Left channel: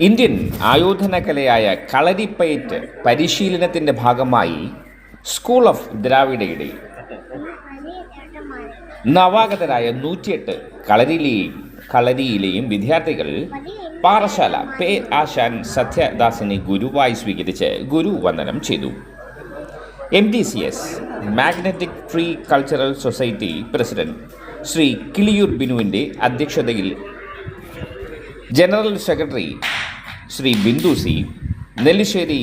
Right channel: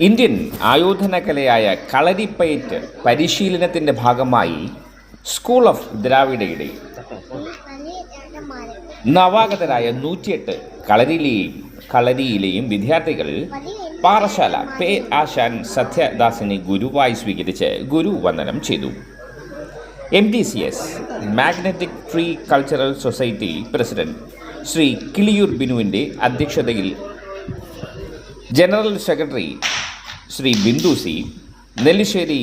Indian ആയോധന കലയായ കളരിപ്പയറ്റ് പരിശീലനത്തിന്റെ ഭാഗമായി സ്കൂൾ ഓഫ് ദ്രാവിഡയുടെ നവാഗതരായ നൂറ്റിയെട്ട് കളരിയിലെയും കളരിയിലെയും വിദ്യാർത്ഥികൾ പാറശാല പേ ആശാൻ സത്യദാസിനെ ഗുരുവായി സ്വീകരിച്ച് ഗുരു വന്ദനം ചെയ്തു. M D C S magnetic tree cultural society president Shri Kiliyoor ബിനുവിന്റെ അധ്യക്ഷതയിൽ general secretary Shri Bindu C Nellissery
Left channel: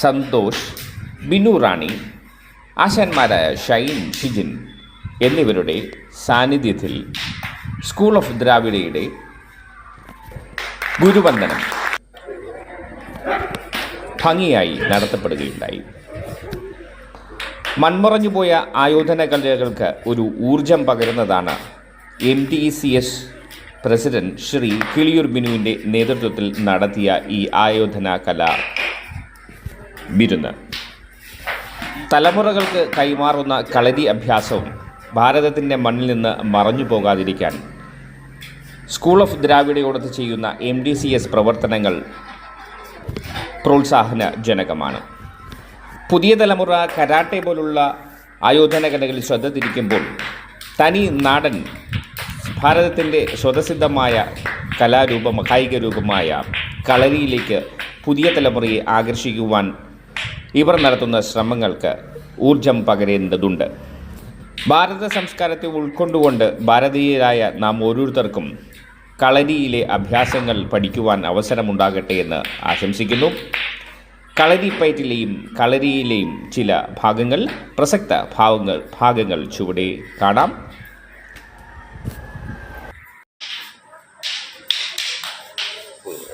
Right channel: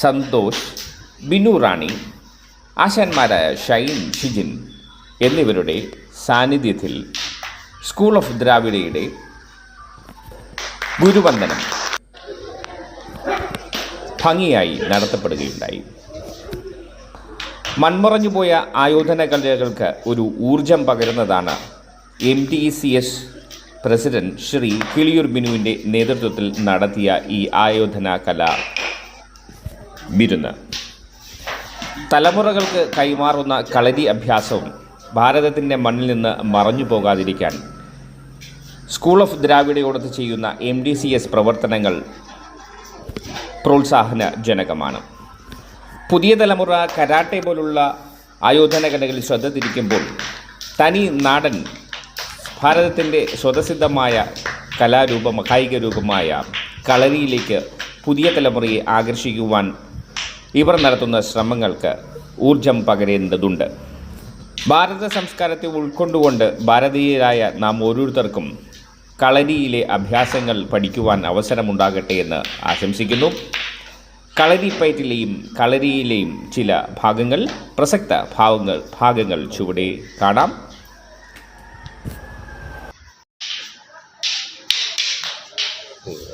Santhosh Binu Rani ആശാന്മാരായ Shine Shijin എന്നിവരുടെ സാന്നിധ്യത്തിൽ സ്കൂൾ ഓഫ് ദ്രാവിഡയുടെ ഗുരുവന്ദനം ഭംഗിയായി നടത്തപ്പെടുകയുണ്ടായി. മൺമറഞ്ഞുപോയ ആയോധന കലകൾക്ക് ഒരു ഊർജം പകരുന്നതാണ് M T C S president Shri Kiliyoor ബിനുവിന്റെ നേതൃത്വത്തിൽ നടത്തിയ ഈ ആയോധന കല വിരുന്ന്. തലമുറകൾക്ക് കൈമാറുന്ന കളരി അഭ്യാസവും ഭാരതത്തിന്റെ മണ്ണിൽ നിന്ന് മറഞ്ഞു പോകാതിരിക്കാൻ സ്കൂൾ ഓഫ് ദ്രാവിഡയോടൊത്ത് ചെയ്യുന്ന എം ഡി സി എസ് പ്രവർത്തനങ്ങൾ പ്രോത്സാഹനജനകമാണ്. പുതിയ തലമുറ കരാട്ടെ പോലുള്ള ആയോധന കലകളിൽ ശ്രദ്ധ തിരിക്കുമ്പോൾ തനി നാടൻ ഭാരതത്തിന്റെ സ്വതസിദ്ധമായ കലാരൂപം കായിക രൂപമായ കളരിയിലേക്ക് പുതിയ തലമുറയെ ആകർഷിക്കുവാൻ ഇവർ നടത്തുന്ന ശ്രമങ്ങൾക്ക് ഊർജം പകരേണ്ടതുണ്ട്. ഭാരത സംസ്കാരത്തെ ഉൾക്കൊണ്ടുകൊണ്ട് ഭാരതീയരായ നാം ഓരോരുത്തർക്കും കളരിയിലെ അഭ്യാസങ്ങൾ പഠിക്കുവാൻ അവസരമുണ്ടാകട്ടെ എന്ന് ആശംസിക്കുന്നു. കളരിപ്പയറ്റിലെയും കളരിയിലെയും ചില ഭാഗങ്ങൾ പ്രസക്ത ഭാഗങ്ങൾ ഭാഗങ്ങൾ ചുവടെ കാണാം.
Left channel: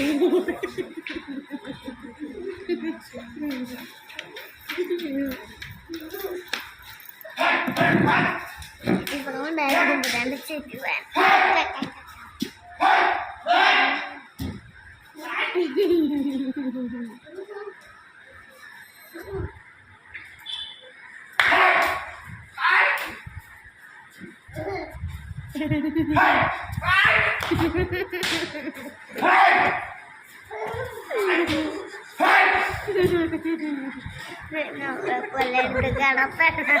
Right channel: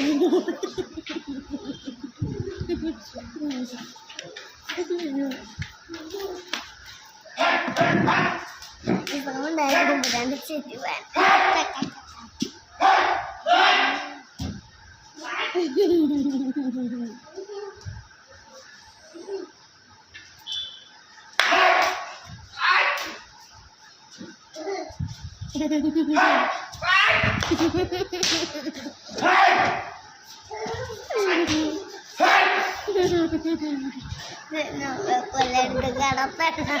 Hey! Hey! കൊല്ലെടുത്ത് കടത്തണം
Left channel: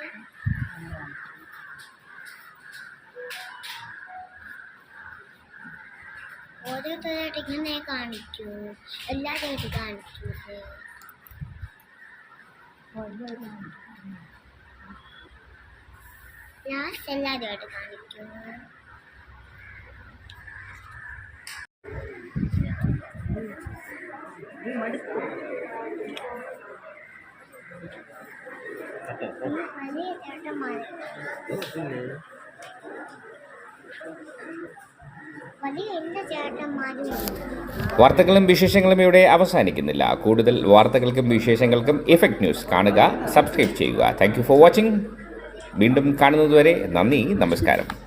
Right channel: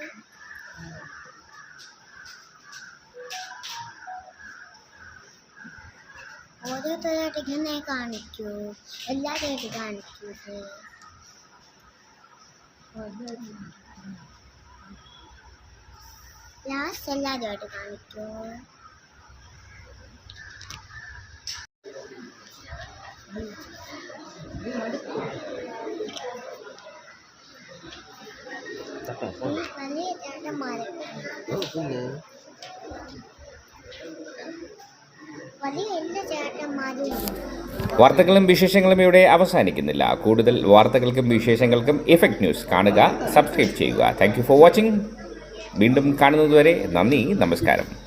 ആദ്യത്തെ ഇങ്ങനെ കാണിക്കൂ എല്ലാ എല്ലാവരും കാണിക്കൂ ലാസ്റ്റ് എല്ലാ എല്ലാവരുമായിട്ട് കാണിക്കൂ വലിയ ചേട്ടന്മാരെ വാർത്തകളും വിശേഷങ്ങളും ഇവിടെ അവസാനിക്കുന്നില്ല. കൂടുതൽ വാർത്തകൾക്കും വിശേഷങ്ങൾക്കും എഫക്ട് ന്യൂസ് കാണുക സബ്സ്ക്രൈബ് ചെയ്യുക. താങ്ക് ഫോർ വാച്ചിങ് വീണ്ടും കാണുന്നതുവരെ നന്ദി നമസ്കാരം.